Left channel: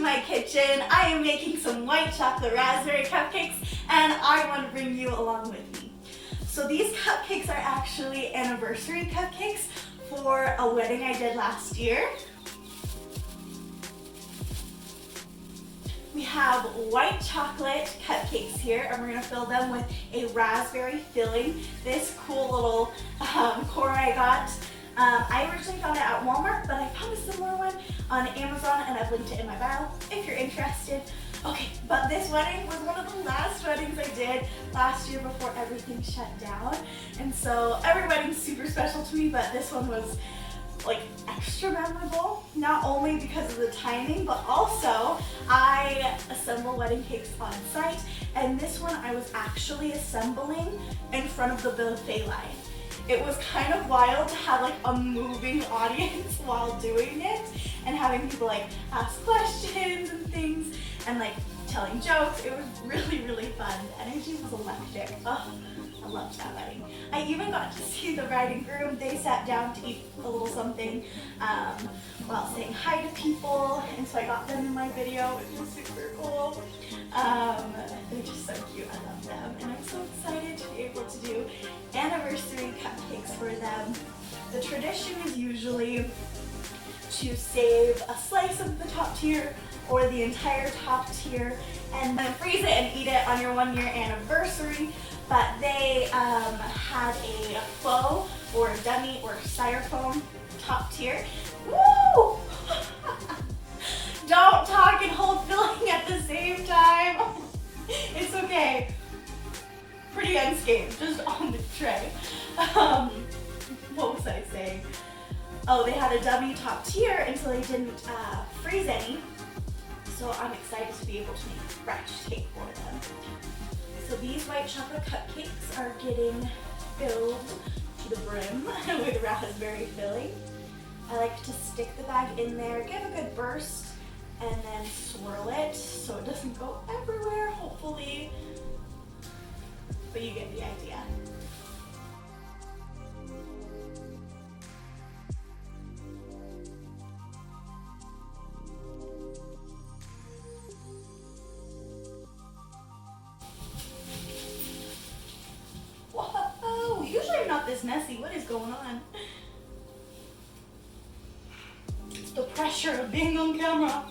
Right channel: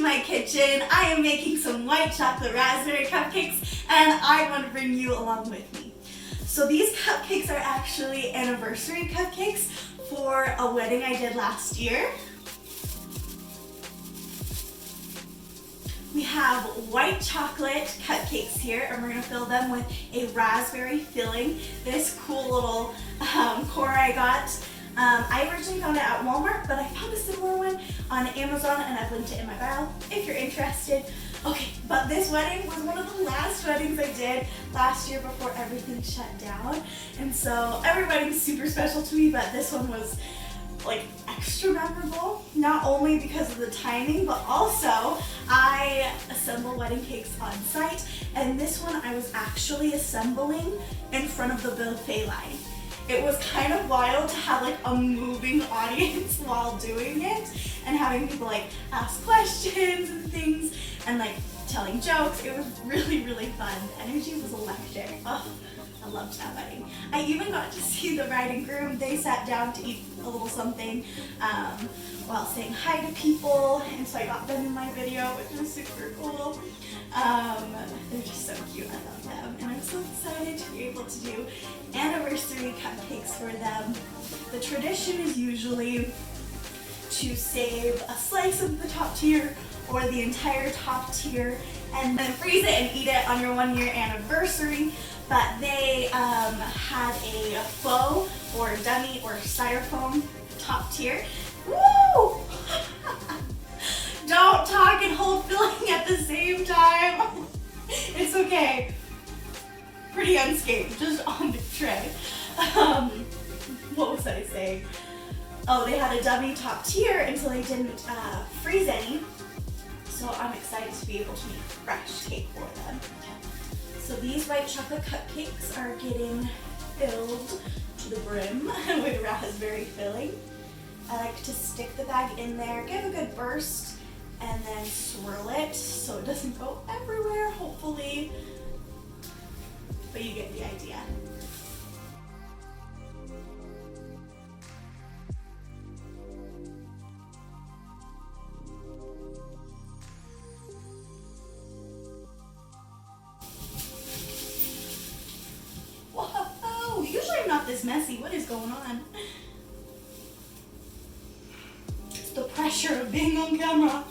to my kitchen. I am making some white chocolate raspberry cupcakes and I want to bring you along with me. So these cupcakes are actually anniversary cupcakes for a wedding I did last year. We have white chocolate cupcakes here and we're going to fill them with a raspberry filling. This cool little core I got. I originally found it at Walmart, but I found a similar one on Amazon and I've linked it in my bio if you're interested. Okay, but this wedding was one of the last weddings I did last year before everything shut down. And so every wedding's super special to me, but this one was like extra memorable, not only because of the timing, but also I assemble wedding cakes on site, and this one I was actually assembling in front of the buffet line. It was kind of wild to have like a moving audience while doing it and having people like ask questions and things and like telling jokes. It was really, really fun. The energy was electric. Oh, I loved that wedding. I even got to see the bride and groom. They sat down to eat a little something while saying hi to people, and so I got them in my video, which was super cool. They're just so cute. I love them, and I'm so excited to be able to do anniversary cupcakes for them. The tradition is usually to save a slice of the top tier or the entire top tier and then freeze it and eat it on your 1 year anniversary. But they had a faux or dummy or styrofoam top tier. Woo! Don't talk and hold filling at the same time. It's okay. Pretty unscathed, just on the tray. What was I saying? Oh, they had a dummy top tier until they didn't freeze any. So I'm excited to be able to make fresh cake for them. So these white chocolate cupcakes are getting filled to the brim with raspberry filling. I like to stick the bag in there, give a good burst, and then swirl it so it doesn't go everywhere, hopefully. But you get the idea. Whoa, usually I'm not this messy. What is going on? It's the pressure of being on camera.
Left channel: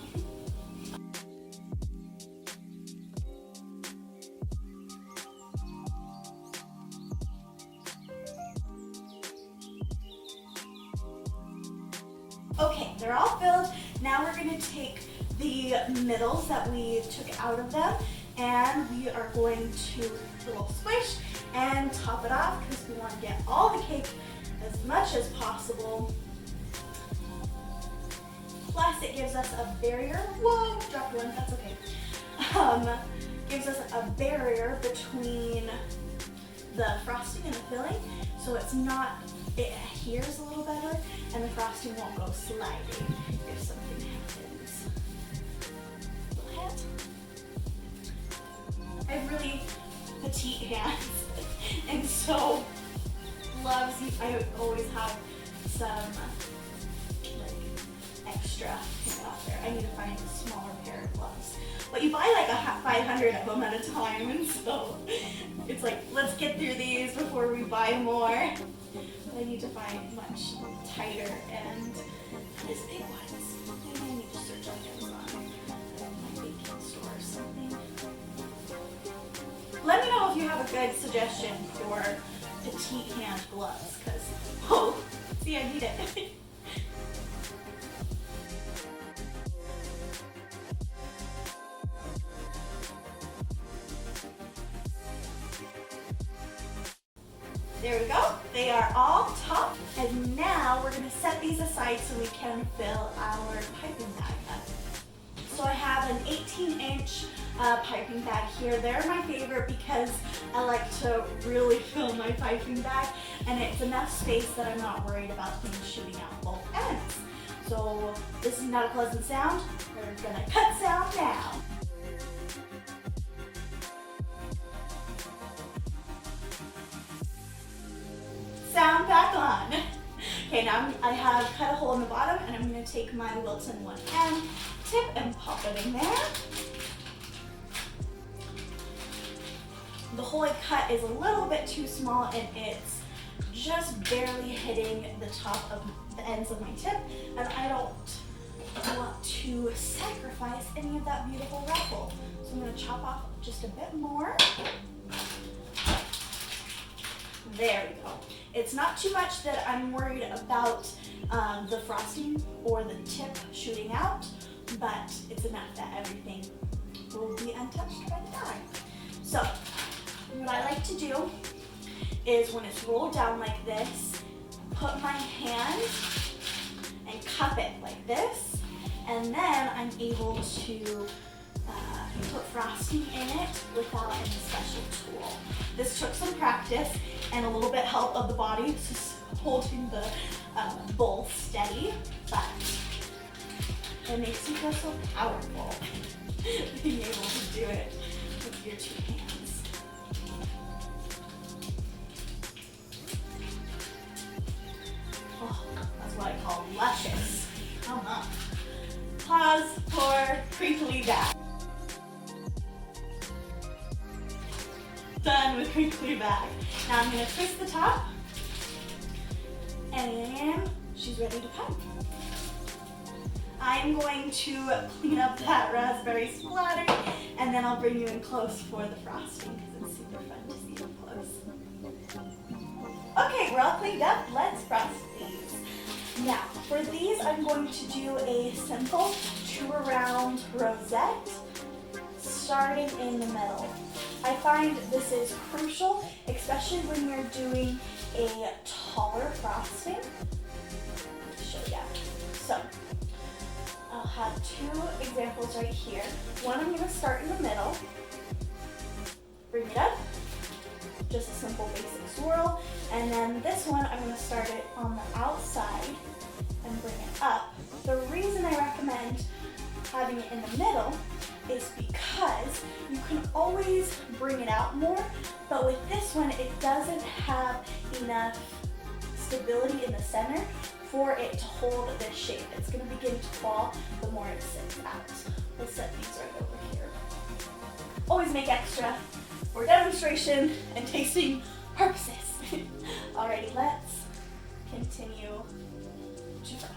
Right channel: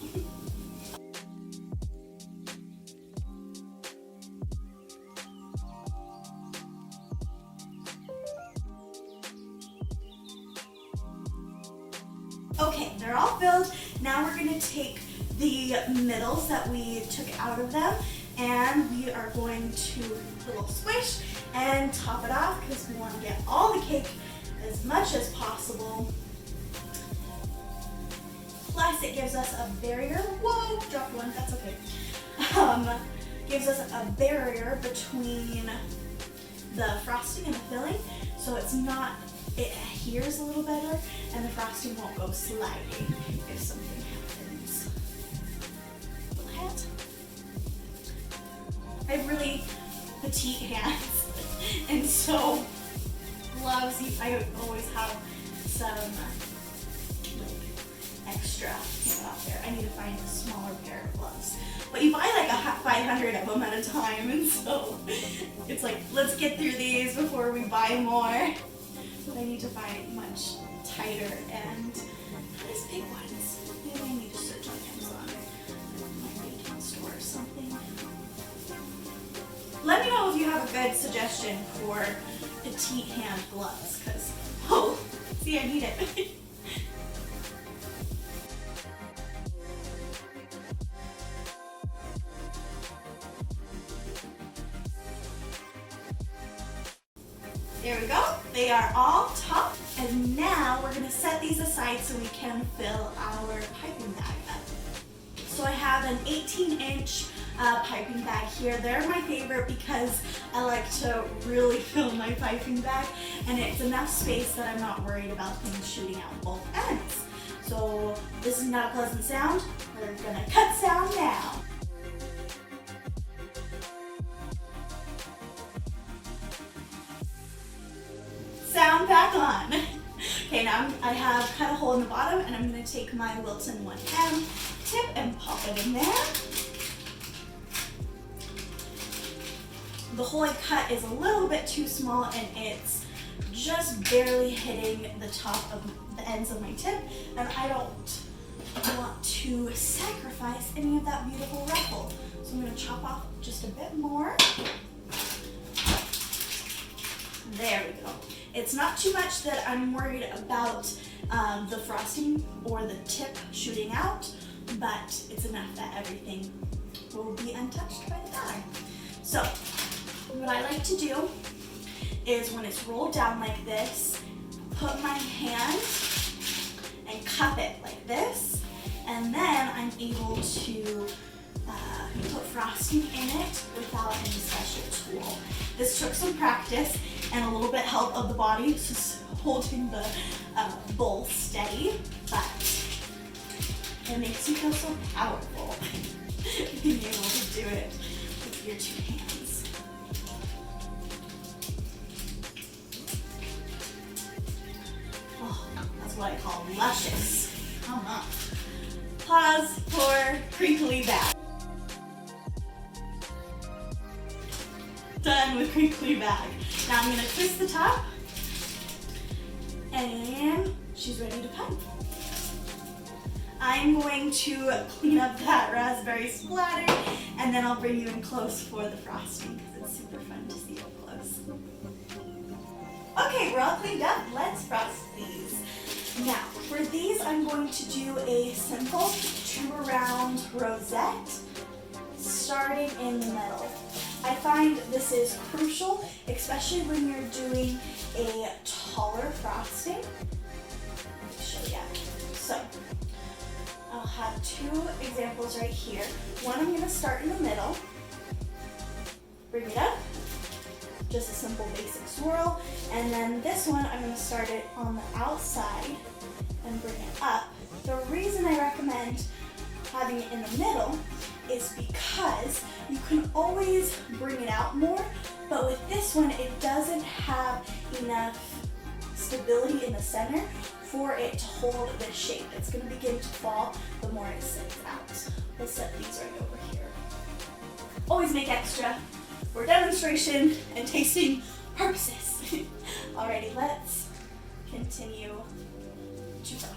Okay, they're all filled. Now we're going to take the middles that we took out of them and we are going to a little squish and top it off because we want to get all the cake as much as possible. Plus it gives us a barrier. Whoa, dropped one, that's okay. Gives us a barrier between the frosting and the filling, so it's not, it adheres a little better and the frosting won't go sliding if something happens. Little hat. I have really petite hands and so gloves, I always have some like extra out there. I need to find a smaller pair of gloves. But you buy like 500 of them at a time, and so it's like, let's get through these before we buy more. But I need to find much tighter and these big ones. Maybe I need to search on Amazon. My baking store or something. Let me know if you have a good suggestion for petite hand gloves, because, oh, see, I need it. There we go. They are all topped. And now we're going to set these aside so we can fill our piping bag up. So I have an 18-inch piping bag here. They're my favorite because I like to really fill my piping bag, and it's enough space that I'm not worried about things shooting out both ends. So this is not a pleasant sound. We're going to cut sound now. Sound back on. Okay, now I have cut a hole in the bottom, and I'm going to take my Wilton 1M tip and pop it in there. The hole I cut is a little bit too small, and it's just barely hitting the top of the ends of my tip, and I don't want to sacrifice any of that beautiful ruffle. So I'm going to chop off just a bit more. There we go. It's not too much that I'm worried about the frosting or the tip shooting out, but it's enough that everything will be untouched by the dye. So what I like to do is when it's rolled down like this, put my hand and cup it like this, and then I'm able to put frosting in it without any special tool. This took some practice and a little bit help of the body, just holding the bowl steady, but it makes you feel so powerful being able to do it with your two hands. Oh, that's what I call luscious. Come on. Pause for crinkly bag. Done with crinkly bag. Now I'm going to twist the top, and she's ready to cut. I'm going to clean up that raspberry splatter, and then I'll bring you in close for the frosting because it's super fun to see up close. Okay, we're all cleaned up. Let's frost these. Now, for these, I'm going to do a simple 2-around rosette, starting in the middle. I find this is crucial, especially when you're doing a taller frosting. Let me show you. So, I'll have 2 examples right here. One I'm going to start in the middle, bring it up, just a simple basic swirl, and then this one I'm going to start it on the outside and bring it up. The reason I recommend having it in the middle is because you can always bring it out more, but with this one it doesn't have enough stability in the center for it to hold this shape. It's going to begin to fall the more it sits out. We'll set these right over here. Always make extra for demonstration and tasting purposes. Alrighty, let's continue to frost.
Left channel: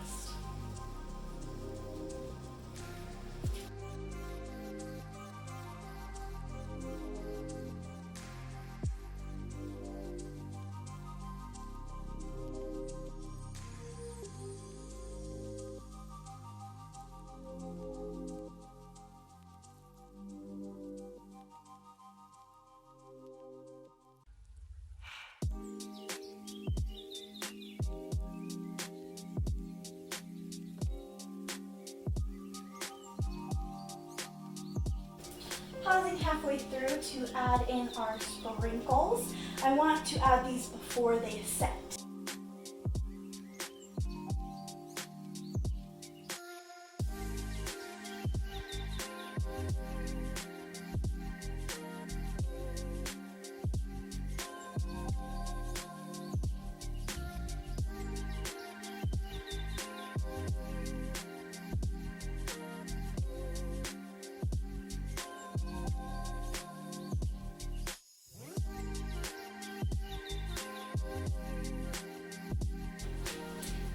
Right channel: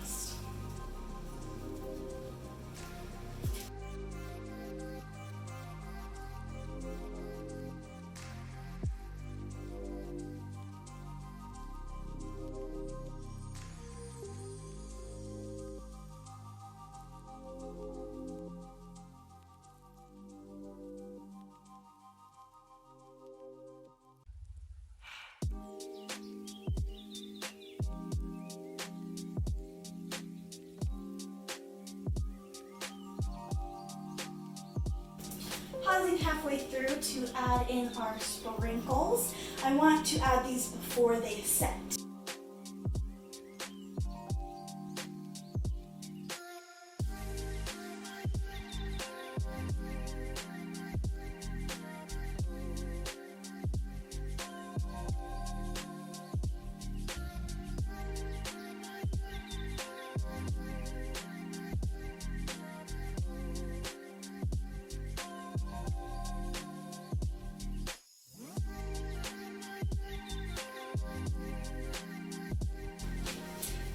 Pausing halfway through to add in our sprinkles. I want to add these before they set.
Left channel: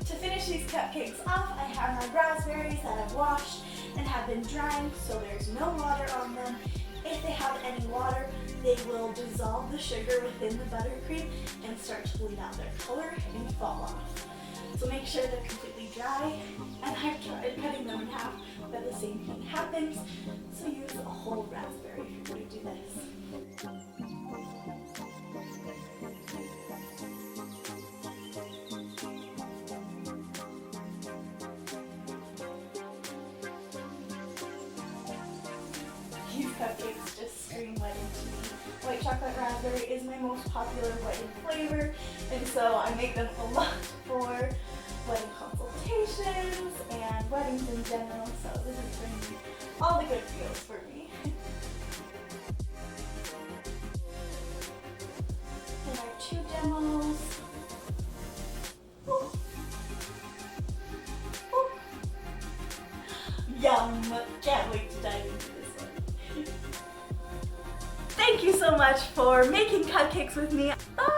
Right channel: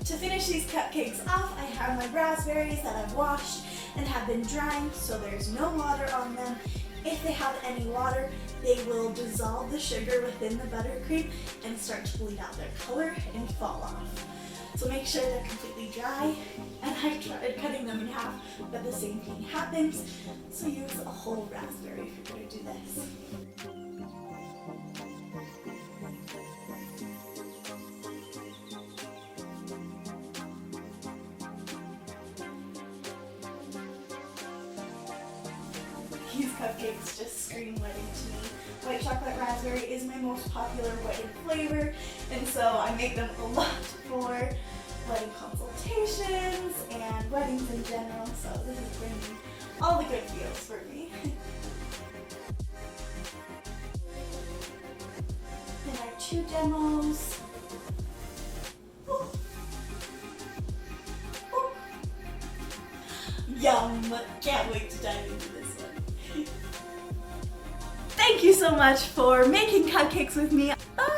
To finish these cupcakes off, I have my raspberries that I've washed and have been drying, so there's no water on them. If they have any water, they will dissolve the sugar within the buttercream and start to bleed out their color and fall off. So make sure they're completely dry, and I've tried cutting them in half, but the same thing happens. So use a whole raspberry if you're going to do this. These cupcakes just scream wedding to me. White chocolate raspberry is my most popular wedding flavor, and so I make them a lot for wedding consultations and weddings in general, so this is bringing all the good feels for me. And our 2 demos. Ooh. Yum! Can't wait to dive into this one. Thank you so much for making cupcakes with me. Bye!